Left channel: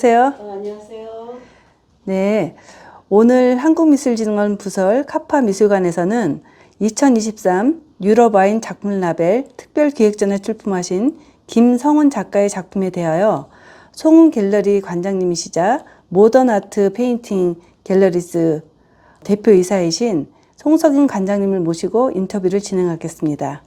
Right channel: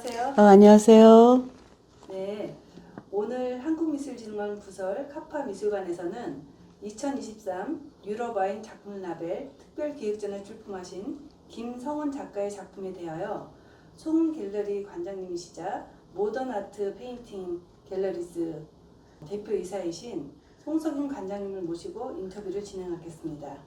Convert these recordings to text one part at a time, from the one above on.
안녕하세요. 안녕하세요. 네, 오늘 한국미술진흥원 부설 카파미술관에서는 2023 유럽와인 작품라벨 특별기획전을 출품하신 김성훈 작가의 작품에 대하여 송은 갤러리 관장님이시자 모던아트 페인팅 갤러리즈 대표이사이신 송석인 관장님을 모시고 인터뷰를 진행하겠습니다.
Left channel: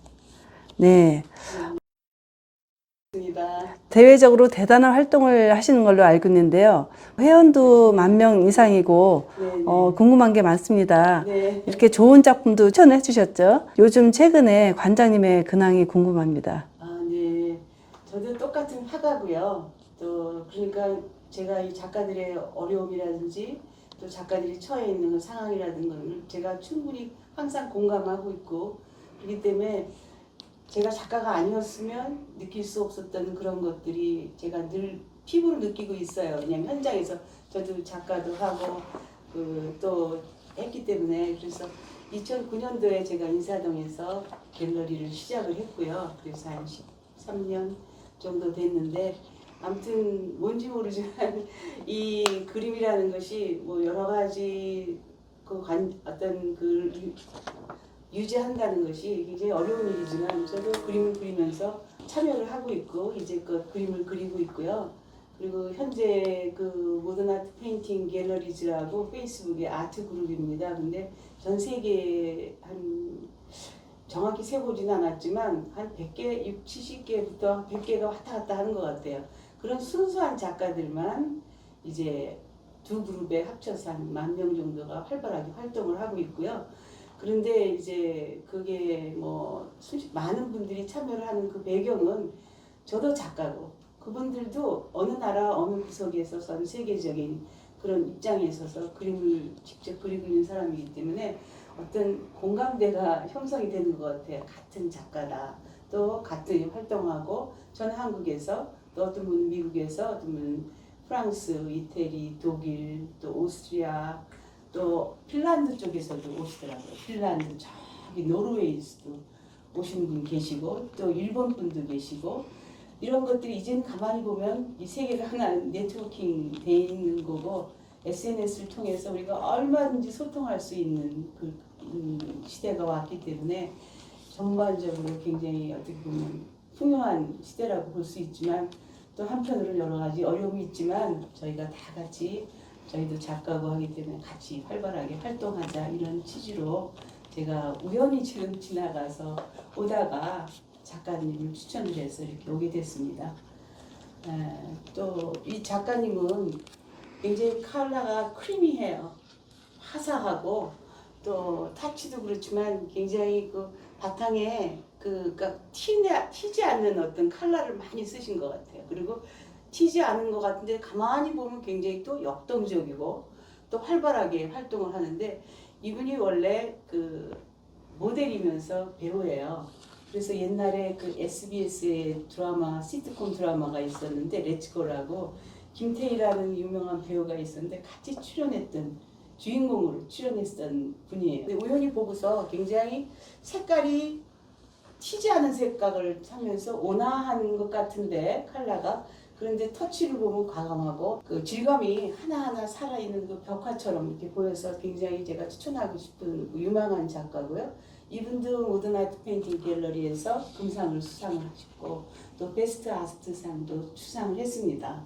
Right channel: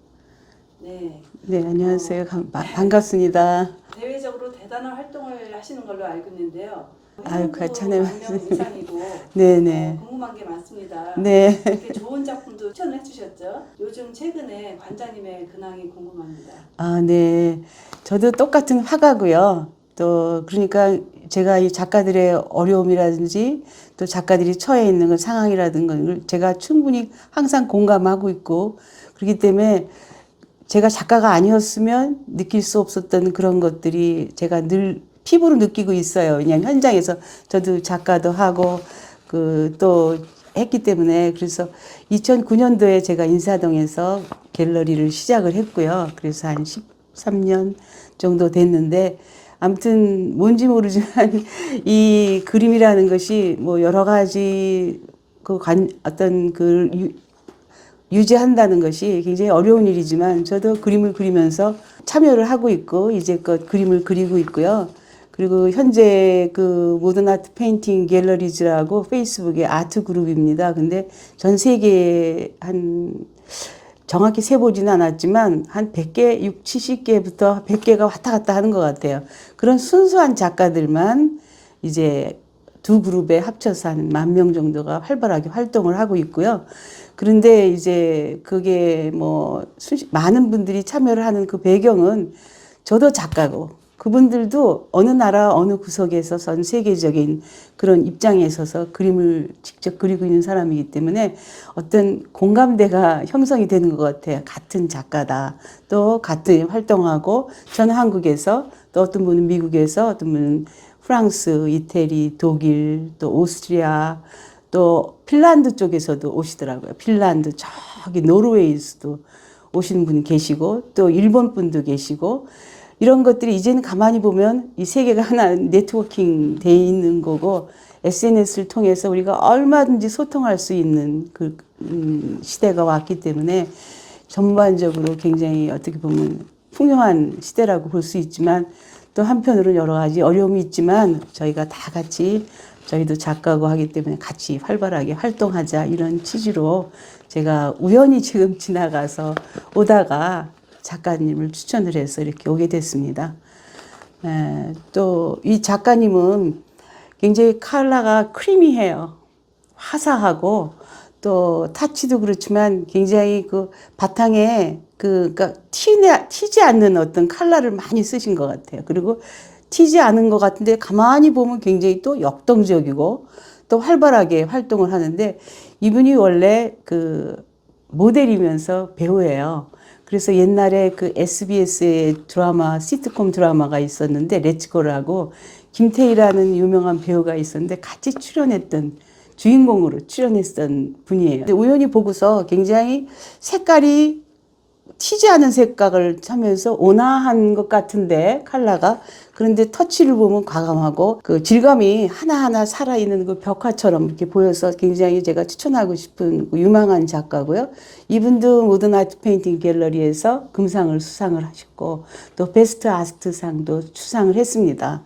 네, 네, 안녕하세요. 반갑습니다. 대외적으로 대단한 활동을 하시는 걸로 알고 있는데요. 회원도 10,000명 이상이고 네네. 궁금한 게 많습니다. 네. 이렇게 좋은 작품도 추천해 주셨죠. 요즘 최근에 관장님의 근황이 궁금합니다. 네. 저도 똑같은 화가고요. 또 그러니까 제가 이 작가들의 어려움이라든지 또 작가들이 처해 있는 그 상황이라든가 제가 충분히 항상 공감하고 있고 그렇기 때문에 제가 작가가 아니었으면 느낄 수 없었던 그런 것들이 제가 늘 피부로 느끼고 있어요. 그냥 현장에서 저도 작가도 하고 또 했기 때문에 그래서 2009년도에 제가 인사동에서 갤러리를 시작을 했고요. 그래서 한 13년 정도 됐는데 아무튼 뭔지 모르지만 이 그림이라는 것이 뭐 여러 가지 어떤 유지한다는 것이 굉장히 어려운 일이지만 저도 그림을 그리면서 참여를 하고 있고 이제껏 그림을 그리고 있고요. 그리고 현재 그 모던 아트 페인팅 갤러리즈라고 페이스북의 아트 그룹입니다. 근데 전 세계에 정확히 세보지는 않았지만 한 100개, 6, 70개부터 100개가 왔다 갔다 하는 것 같아요. 그런 순수한 작가들만 이제 두 그룹에 합쳐서 한 10,000명 정도가 활발하게 활동을 하고 있고요. 그런데 이제 그게 뭐 많은 분들이 참여를 하는 그 배경은 저도 작가고 그분들도 어느 나라 어느 구석에서 전 세계적인 그런 입장에 있어서 그림을 직접 그리고 있는 사람이기 때문에 어떤 공감대가 형성이 되는 것 같아요. 같은 작가다. 또 같은 활동하고 저는 한국에서 또 어떤 분은 미국에서 어떤 분은 프랑스, 이태리, 독일, 또 오스트리아 또 핀란드 쪽에서도 오시더라고요. 핀란드 저기 노르웨이에서도 오시는 분이 계시고 또 일본 분도 계시고 이런 것들이 이제는 가만히 보면 이 세계가 하나 네트워킹 돼 있는 거고 SNS를 통해서 우리가 얼마든지 소통할 수 있는 시대가 왔기 때문에 전반적으로 굉장히 어떻게 보면 풍요한 시대라고 볼 수 있지만 또 한편으로는 여러 가지 어려움이 있지만 저희가 다 같이 저희도 작가고 하기 때문에 같이 활발하게 활동하자 이런 취지로 제가 우연히 지금 지나가서 오다가 작가님을 추천을 해서 이렇게 오게 됐습니다. 또 이 작가님은 굉장히 컬러가 크리미해요. 화사하고 또 타치도 그렇지만 굉장히 그 바탕에 그러니까 튀지 않는 어떤 컬러를 많이 쓰신 것 같아요. 그리고 튀지 않은 것 같은데 가만히 보면 굉장히 또 역동적이고 또 활발하게 활동을 하는데 이분이 원래 그 모델이면서 배우예요. 그래서 옛날에 그 SBS의 드라마, 시트콤 드라마가 있었는데 렛츠고라고 김태희라는 유명한 배우가 있었는데 같이 출연했던 주인공으로 출연했던 분이에요. 우연히 보고서 굉장히 색깔이 튀지 않은 색깔을 하면서 온화한 것 같은데 컬러가 그런데 터치를 보면 과감하고 그 질감이 하나하나 살아있는 그 벽화처럼 이렇게 보여서 굉장히 제가 추천하고 싶은 유망한 작가고요. 이분도 모던 아트 페인팅 갤러리에서 금상을 수상을 하셨고 또 베스트 아트상도 수상을 했습니다.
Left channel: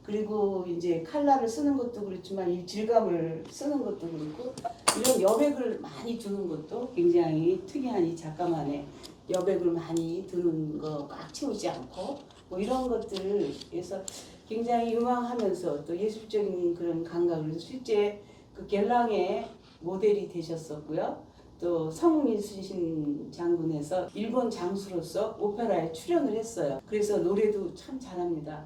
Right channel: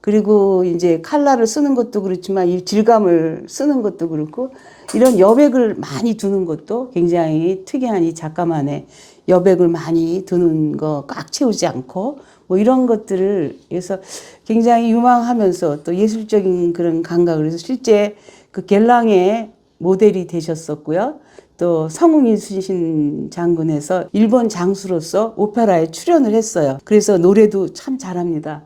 그리고 이제 컬러를 쓰는 것도 그렇지만 이 질감을 쓰는 것도 그렇고 이런 여백을 많이 두는 것도 굉장히 특이한 이 작가만의 여백을 많이 두는 거 꽉 채우지 않고 뭐 이런 것들을 그래서 굉장히 유망하면서 또 예술적인 그런 감각을 해서 실제 그 겔랑의 모델이 되셨었고요. 또 성웅이순신 장군에서 일본 장수로서 오페라에 출연을 했어요. 그래서 노래도 참 잘합니다.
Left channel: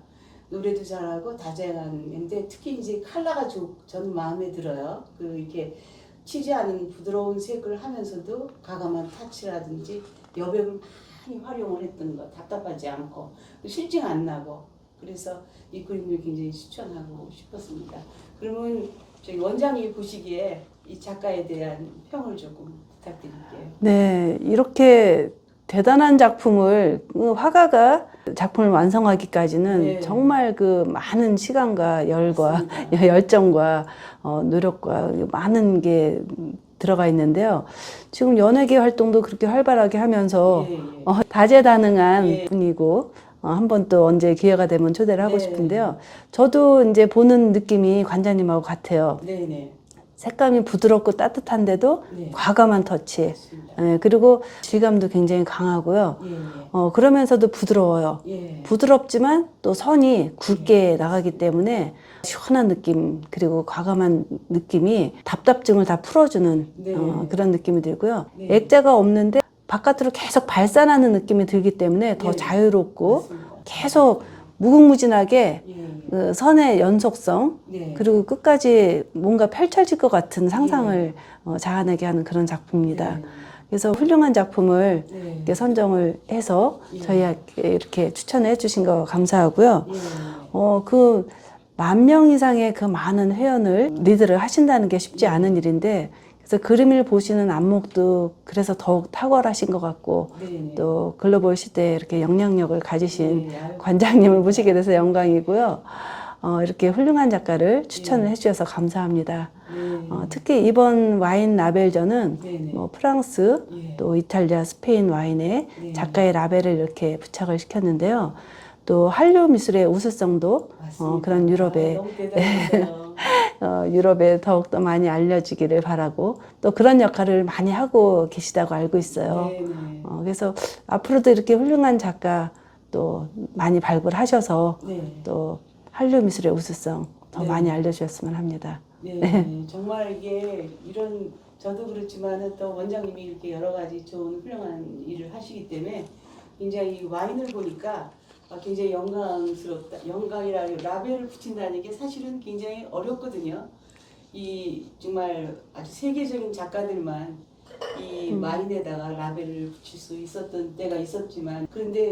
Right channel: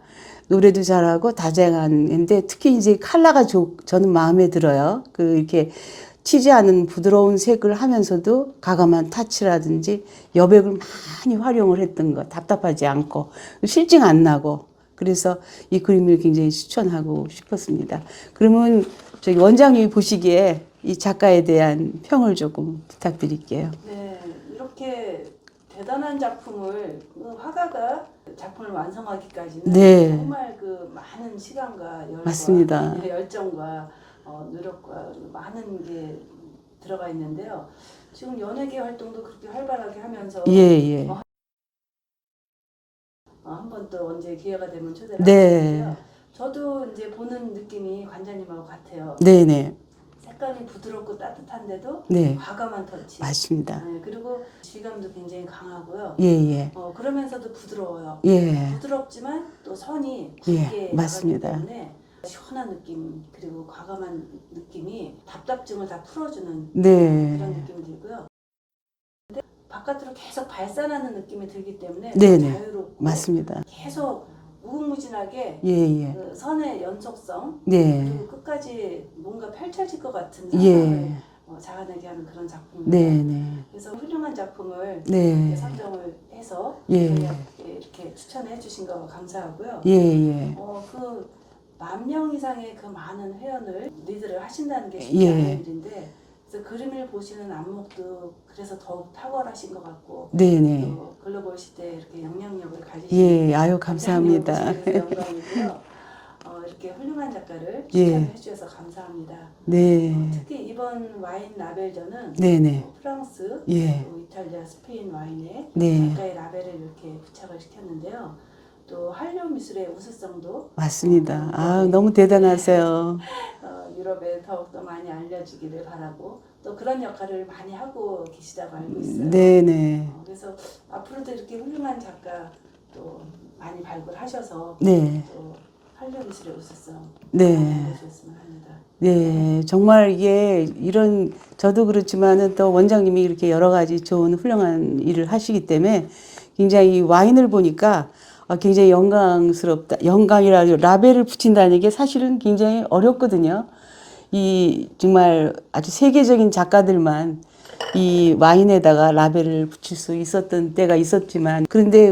노래도 잘하고 다재다능한데 특히 이제 컬러가 저는 마음에 들어요. 이렇게 튀지 않은 부드러운 색을 하면서도 가감한 타치라든지 여백을 많이 활용을 했던 거 답답하지 않고 실증 안 나고 그래서 이 그림을 굉장히 추천하고 싶었습니다. 그러면 저기 원장님이 보시기에 이 작가에 대한 평을 조금 부탁드릴게요. 네, 이렇게 대단한 작품을 화가가 작품을 완성하기까지는 네. 정말 그 많은 시간과 열과 맞습니다. 열정과 노력과 많은 게 들어가 있는데요. 지금 연예계 활동도 그렇게 활발하게 하면서 예, 예. 다재다능한 분이고 한번 또 언제 기회가 되면 초대를 하고 네. 싶은데요. 저도 이제 보는 느낌이 관장님하고 같아요. 네네. 색감이 부드럽고 따뜻한데도 네. 과감한 터치. 맞습니다. 네, 그리고 질감도 굉장히 강하고요. 예, 예. 그러면서도 부드러워요. 예. 부드럽지만 또 선이 굵게 예, 나가기 맞습니다. 때문에 시원한 느낌 그리고 과감한 느낌이 답답증을 다 풀어주는 네. 그런 느낌이 들고요. 액자가 없는데 바깥으로 계속 발산하는 느낌이 들기 때문에 더 네네. 자유롭고 맞습니다. 계속 무궁무진하게 예, 예. 그 선의 연속성 네. 그리고 끝까지 뭔가 펼쳐질 것 같은 상상을 예. 자아내게 하는 그런 작품입니다. 네. 그래서 훌륭한 작품을 네. 이렇게 선정을 해서 예. 저희에게 이렇게 추천해 주신 거 감사하고요. 예, 예. 그 10,000명 이상의 그 많은 회원을 리드를 하신다는 게 쉽지 예. 않은 일인데 그래서 그림을 보시는 안목도 그래서 더욱 탁월하신 것 같고 네네. 또 글로벌 시대에 이렇게 영향력을 가지신 예, 아유, 관장님을 감사합니다. 모시게 돼서 영광이고요. 이렇게 훌륭한 작가를 추천을 예. 해주셔서 감사합니다. 네. 특히 이번 와인 라벨전은 네네. 프랑스, 예. 또 이탈리아, 스페인 와인에 네. 작가의 라벨을 이렇게 부착을 시켰는데요. 또 한류 미술의 우수성도 맞습니다. 그런 유럽의 아, 너무 대단하세요. 유럽에 더욱더 많이 알려지기를 바라고 또 그런 역할을 많이 하고 계시다고 알고 있어요. 네네. 그래서 앞으로도 이렇게 훌륭한 작가 또 많이 발굴하셔서 네. 또 한류 미술의 우수성 더 네. 많이 알려주셨으면 합니다. 네, 정말 이게 이런 저도 그렇지만은 또 원장님이 이렇게 여러 가지 좋은 훌륭한 일을 하시기 때문에 굉장히 와인을 보니까 굉장히 영광스럽다. 영광이라 라벨을 붙인다는 게 사실은 굉장히 어렵거든요. 이 정말 아주 세계적인 작가들만 이 와인에다가 라벨을 붙일 수 있었던 때가 있었지만 그런데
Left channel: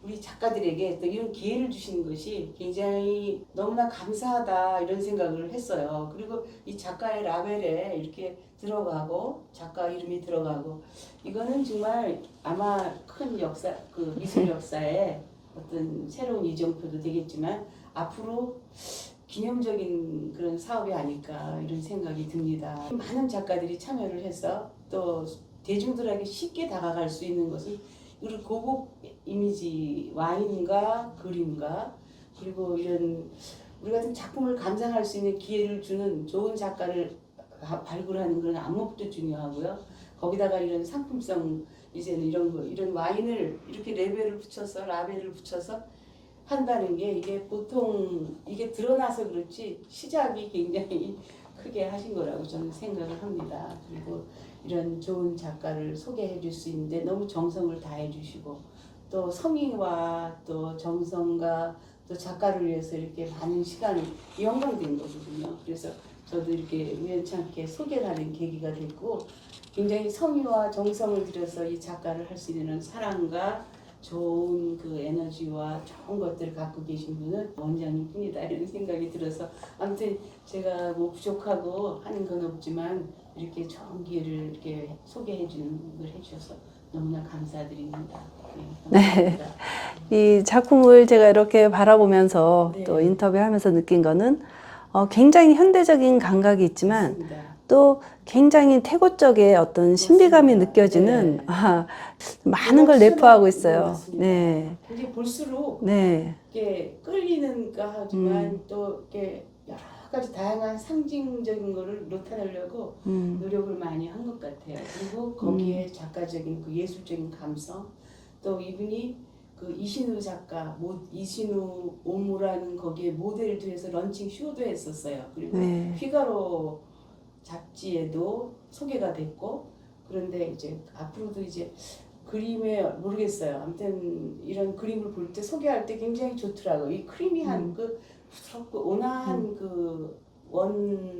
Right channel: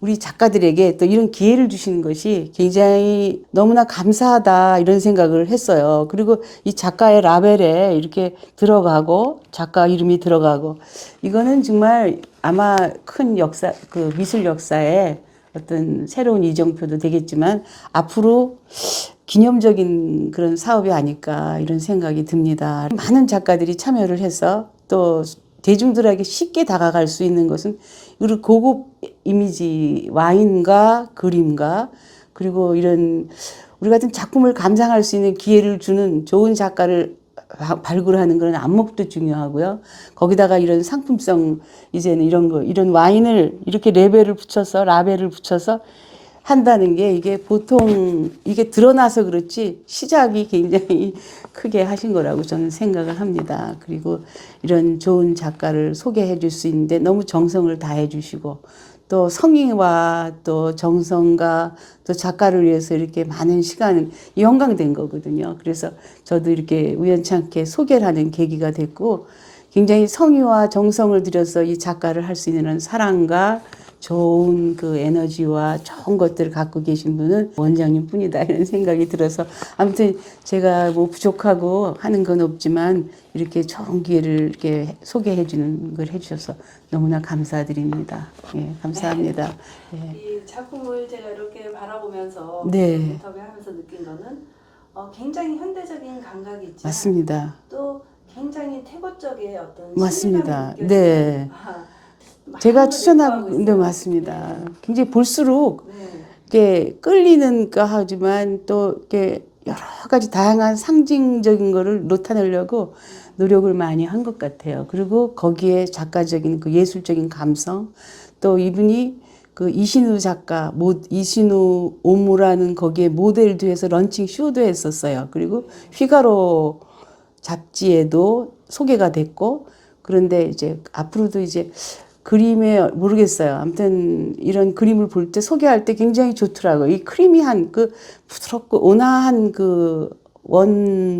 우리 작가들에게 또 이런 기회를 주시는 것이 굉장히 너무나 감사하다 이런 생각을 했어요. 그리고 이 작가의 라벨에 이렇게 들어가고 작가 이름이 들어가고 이거는 정말 아마 큰 역사, 그 미술 역사에 어떤 새로운 이정표도 되겠지만 앞으로 기념적인 그런 사업이 아닐까 이런 생각이 듭니다. 많은 작가들이 참여를 해서 또 대중들에게 쉽게 다가갈 수 있는 것은 우리 고급 이미지 와인과 그림과 그리고 이런 우리 같은 작품을 감상할 수 있는 기회를 주는 좋은 작가를 발굴하는 그런 안목도 중요하고요. 거기다가 이런 상품성 이제는 이런 와인을 이렇게 라벨을 붙여서 한다는 게 이게 보통 이게 드러나서 그렇지 시작이 굉장히 크게 하신 거라고 저는 생각을 합니다. 그리고 이런 좋은 작가를 소개해 줄 수 있는데 너무 정성을 다해 주시고 또 성의와 또 정성과 또 작가를 위해서 이렇게 많은 시간을 영광된 거거든요. 그래서 저도 이렇게 우연찮게 소개를 하는 계기가 됐고 굉장히 성의와 정성을 들여서 이 작가를 할 수 있는 사랑과 좋은 그 에너지와 좋은 것들을 갖고 계신 분은 원장님 뿐이다 이런 생각이 들어서 아무튼 제가 뭐 부족하고 하는 건 없지만 이렇게 좋은 기회를 이렇게 소개해 주는 걸 해주셔서 너무나 감사드립니다. 예, 감사합니다. 이 작품을 제가 이렇게 바라보면서 네. 또 인터뷰하면서 느낀 거는 굉장히 현대적인 감각이 있지만 맞습니다. 또 굉장히 태고적의 어떤 신비감이 맞습니다. 느껴지는 네. 많은 걸 내포하고 있어요. 네, 맞습니다. 네. 굉장히 볼수록 네. 이렇게 끌리는가 하지만 또 이렇게 여러 가지 다양한 상징적인 거를 나타내려고 노력을 많이 한 것 같아요. 그리고 거기에 작가적인 그 예술적인 감성 또 이분이 그 이신우 작가, 이신우 오무라는 거기에 모델도 해서 런칭 쇼도 했었어요. 그리고 네. 피가로 잡지에도 소개가 됐고 그런데 이제 앞으로도 이제 그림에 모르겠어요. 아무튼 이런 그림을 볼 때 소개할 때 굉장히 좋더라고요. 이 크리미한 그 부드럽고 온화한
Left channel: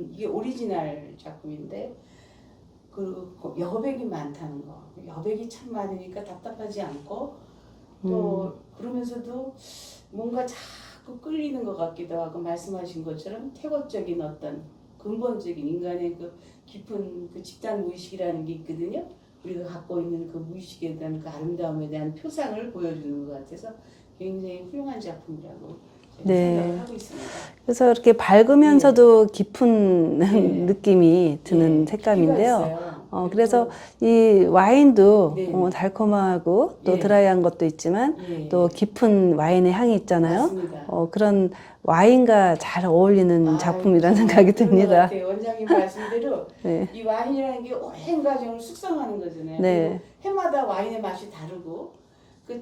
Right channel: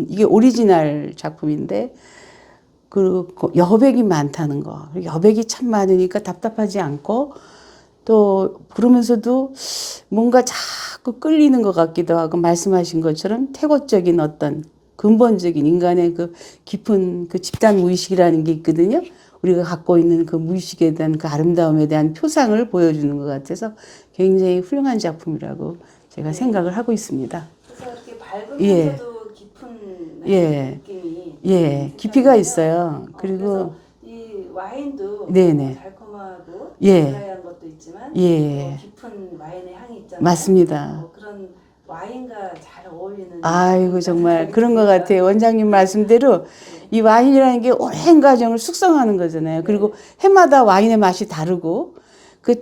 이게 오리지널 작품인데 그 여백이 많다는 거. 여백이 참 많으니까 답답하지 않고 또 그러면서도 뭔가 자꾸 끌리는 것 같기도 하고 말씀하신 것처럼 태고적인 어떤 근본적인 인간의 그 깊은 그 집단 무의식이라는 게 있거든요. 우리가 갖고 있는 그 무의식에 대한 그 아름다움에 대한 표상을 보여주는 것 같아서 굉장히 훌륭한 작품이라고 제가 네. 생각을 하고 있습니다. 그래서 이렇게 밝으면서도 깊은 예. 느낌이 드는 예, 색깔인데요. 깊이가 있어요. 그래서 이 와인도 네네. 달콤하고 또 예. 드라이한 것도 있지만 예. 또 깊은 와인의 향이 있잖아요. 맞습니다. 그런 와인과 잘 어울리는 아이고 작품이라는 정말 생각이 그런 것 듭니다. 같아요. 원장님 말씀대로 네. 이 와인이라는 게 오랜 과정을 숙성하는 거잖아요. 네. 그리고 해마다 와인의 맛이 다르고 그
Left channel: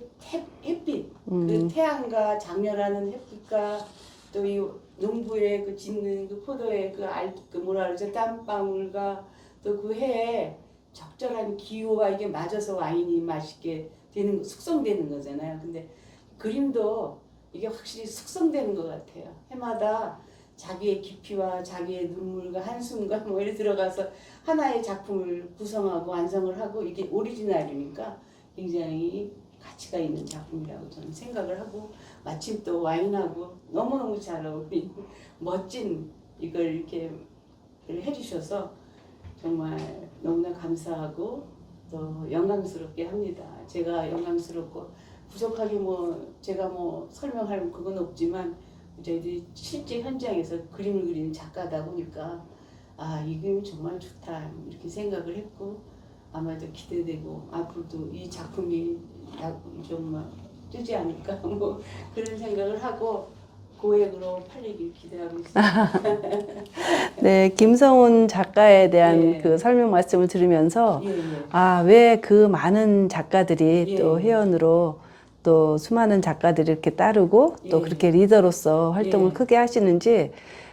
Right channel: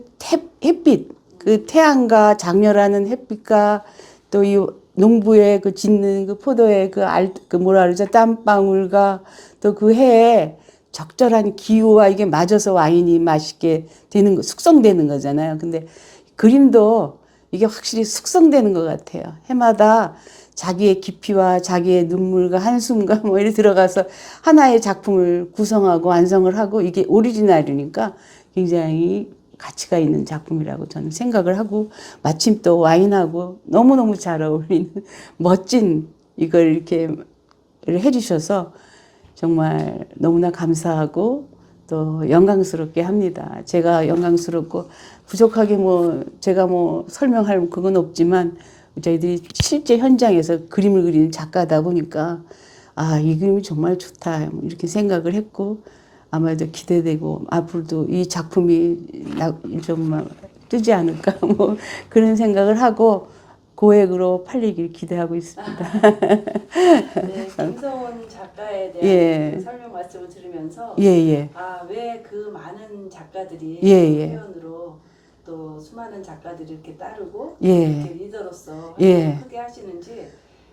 햇빛, 그 태양과 장렬하는 햇빛과 또 이 농부의 그 짓는 그 포도의 그 뭐라 그러죠? 땀방울과 또 그 해에 적절한 기후와 이게 맞아서 와인이 맛있게 되는 거, 숙성되는 거잖아요. 근데 그림도 이게 확실히 숙성되는 것 같아요. 해마다 자기의 깊이와 자기의 눈물과 한숨과 뭐 이렇게 들어가서 하나의 작품을 구성하고 완성을 하고 이게 오리지널이니까 굉장히 가치가 있는 작품이라고 저는 생각을 하고 마침 또 와인하고 너무너무 잘 어울리는 멋진 이걸 이렇게 해주셔서 정말 너무나 감사하고 또 영광스럽게 합니다. 제가 영광스럽고 부족하게 뭐 제가 뭐 설명할 그건 없지만 저희들이 실제 현장에서 그림을 그리는 작가다 보니까 아, 이 그림이 정말 좋다 이렇게 생각을 했고 아마도 기대되고 앞으로도 이 작품이 좀 뜨지 않을까 뭐 그런 생각을 하고 고액으로 팔리길 기대하고 있습니다. 네, 김성훈 작가에 대한 예. 그 설명 말씀을 들으면서 예, 예. 왜 그 많은 작가들이 예, 또 예. 회원으로 또 수많은 작가들이 이렇게 따르고 또 예. 그렇게 리더로서 활동을 예. 크게 하시는지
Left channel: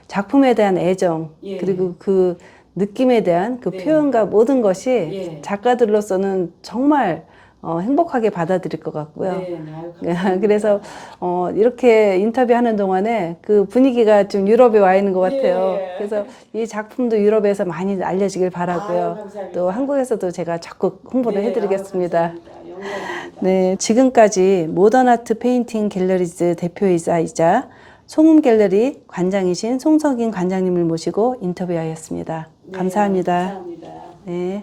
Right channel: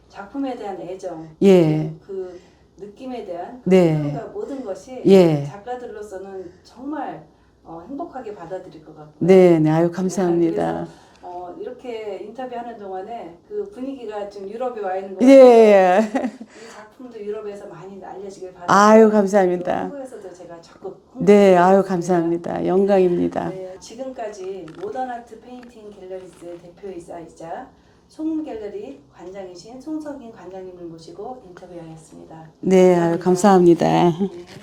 작품에 대한 애정 예. 그리고 그 느낌에 대한 그 네. 표현과 모든 것이 예. 작가들로서는 정말 행복하게 받아들일 것 같고요. 네, 네, 아유 감사합니다. 그래서 이렇게 인터뷰하는 동안에 그 분위기가 좀 유럽에 와 있는 것 같아요. 예. 그래서 이 작품도 유럽에서 많이 알려지길 바라고요. 아유, 감사합니다. 또 한국에서도 제가 적극 홍보를 네, 아유 해드리겠습니다. 감사합니다. 영광입니다. 네, 지금까지 모던아트 페인팅 갤러리즈 대표이사이자 송음 갤러리 관장이신 송석인 관장님을 모시고 인터뷰하였습니다. 네, 아유, 감사합니다. 감사합니다. 네.